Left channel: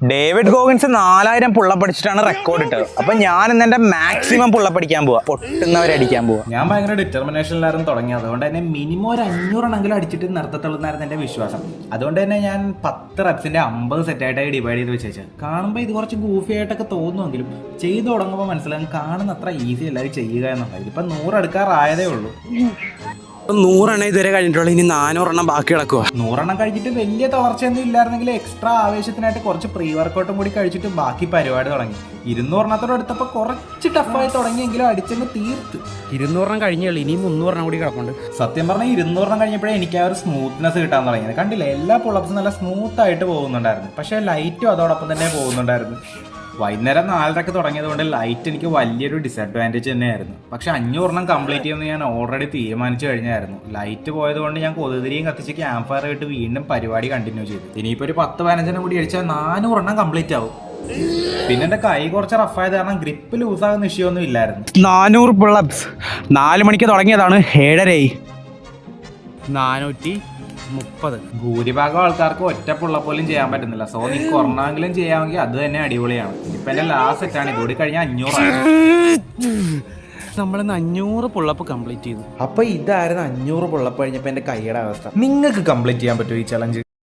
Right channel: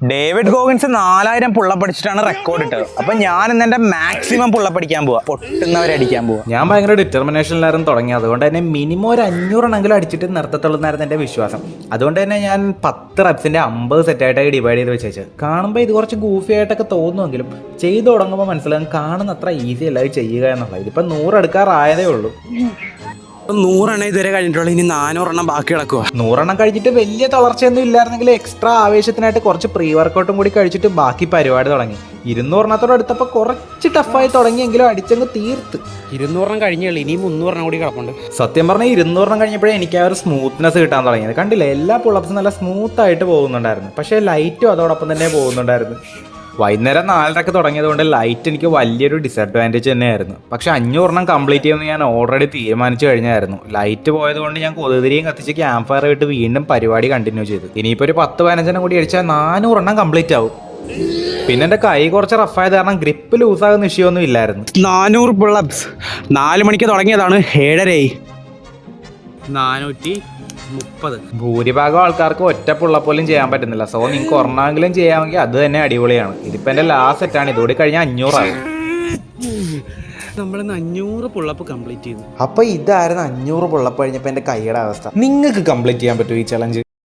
David Goggins 4000 പുള്ളപ്പടിച്ചിട്ടാണ് record ഇട്ടത്. അപ്പൊ ഞാൻ ഇന്ന് എന്റെ മാക്സിമം പുള്ളപ്പടിക്കാൻ പോവാ, പൊട്ടുന്നവരടിക്കാൻ പോവാ. ഞാൻ ഭയങ്കര ഡിറ്റർമിനേഷനിലായിരുന്നു തുടങ്ങി. അതുകൊണ്ട് തന്നെ മിനിമം ഒരു 500 അടിച്ചിട്ട് നിർത്തത്തുള്ളൂ എന്റെ വിശ്വാസം. അതുകൊണ്ട് തന്നെ ഞാൻ 10 റെപ്സിന്റെ 50 സെറ്റായിട്ടായി ഡിവൈഡ് ചെയ്ത് വെച്ചേച്ചത്. കാണുമ്പോൾ ഇത് കുറച്ച് ഗൂഫി ആയിട്ടൊക്കെ തോന്നുമെങ്കിലും ചെയ്ത് തുടങ്ങുമ്പോൾ മനസ്സിലാകും കാണുന്ന അത്ര ഈസി അല്ല ഇത് ചെയ്യുക എന്നുള്ളത്. ഇതിപ്പോൾ 100 എടുക്കാറായതേ ഉള്ളൂ. 100 ഇതുവരെ കഴിഞ്ഞിട്ടുള്ളൂ, ഇനി 400 ബാക്കി കിടക്കുക. 100 കഴിച്ചിട്ട് വലിയ തളർച്ചയൊന്നും ഇല്ലായിരുന്നെങ്കിൽ എക്സ്ട്രാ ആവേശത്തിനായിട്ട് കുറച്ച് പ്രീ വർക്കൗട്ടും കൂടി കഴിച്ചിട്ട് ബാക്കി പരിപാടി തുടങ്ങി. 200 എടുത്തപ്പോൾ കുറച്ച് ടഫായി തുടങ്ങിയെങ്കിലും അടിച്ചങ്ങ് തീർത്ത്. 200 കഴിഞ്ഞുള്ളൂ, ഇനി 300 കൂടി കിടപ്പുണ്ട്. സത്യം പറഞ്ഞാൽ 200 കഴിഞ്ഞപ്പോഴേ എനിക്ക് ആ ഒരു സ്മൂത്ത്നെസ് കിട്ടാൻ തുടങ്ങിയത്. കണ്ടില്ലേ, എല്ലാ പുള്ളപ്സും നല്ല സ്മൂത്ത് ആയിട്ട് പോകുന്നുണ്ടായിരുന്നു. പക്ഷേ ലൈറ്റും അതോടൊപ്പം തന്നെ പോകുന്നുണ്ടായിരുന്നു. വൈകുന്നേരം 4:30 തുടങ്ങിയതുകൊണ്ട് ലൈറ്റ് എനിക്ക് വലിയൊരു ഡിസഡ്വാൻറ്റേജ് തന്നെയായിരുന്നു. പക്ഷേ 500 കംപ്ലീറ്റ് ചെയ്യുമെന്ന് ഞാൻ ഓൾറെഡി തീരുമാനിച്ചു കഴിഞ്ഞായിരുന്നു. ലൈറ്റ് പോയതുകൊണ്ട് ഞാൻ കൊതുതിരിയും കത്തിച്ച് ക്യാമ്പ് ഫയർ ആയിട്ട് വീണ്ടും പരിപാടി കണ്ടിന്യൂ ചെയ്തു. ഇനിയിപ്പോൾ ഒരു 10-15 കൂടി അടിച്ചാൽ 400 കംപ്ലീറ്റ് ആവും. പിന്നെ എൻ്റെ കൈ കുറച്ച് റഫായത് കാരണം ഗ്രിപ്പ് ലൂസാകുന്ന ഇഷ്യൂയൊന്നും ഇല്ലായിരുന്നു. 400 പുള്ളപ്സ് 4 മണിക്ക് തുടങ്ങിയതാണ്, 7:30 430. ഭൂരിഭാഗം ആൾക്കാർക്ക് ഒറ്റ പുള്ളപ്പോലും ചെയ്യാൻ പറ്റുന്നില്ല. സോ നിങ്ങൾക്ക് ഒരെണ്ണമെങ്കിലും ചെയ്യാമെങ്കിൽ അത് തന്നെ അടിപൊളിയാണ്. ഇതിപ്പോൾ എൻ്റെ ലാസ്റ്റ് സെറ്റാണ്. ഇതോടെ കഴിഞ്ഞാൽ 500 ആയി. നമ്മളിന്ന് 500 പുള്ളപ്പ് കംപ്ലീറ്റ് ചെയ്തു. അപ്പോൾ ഇതായിരുന്നു 500 പുള്ളപ്പ് കഴിഞ്ഞപ്പോൾ എൻ്റെ കൈയുടെ അവസ്ഥ. നിങ്ങൾക്ക് കംപ്ലീറ്റ് ചെയ്യാൻ പറ്റുമോ ഈ ചലഞ്ച്?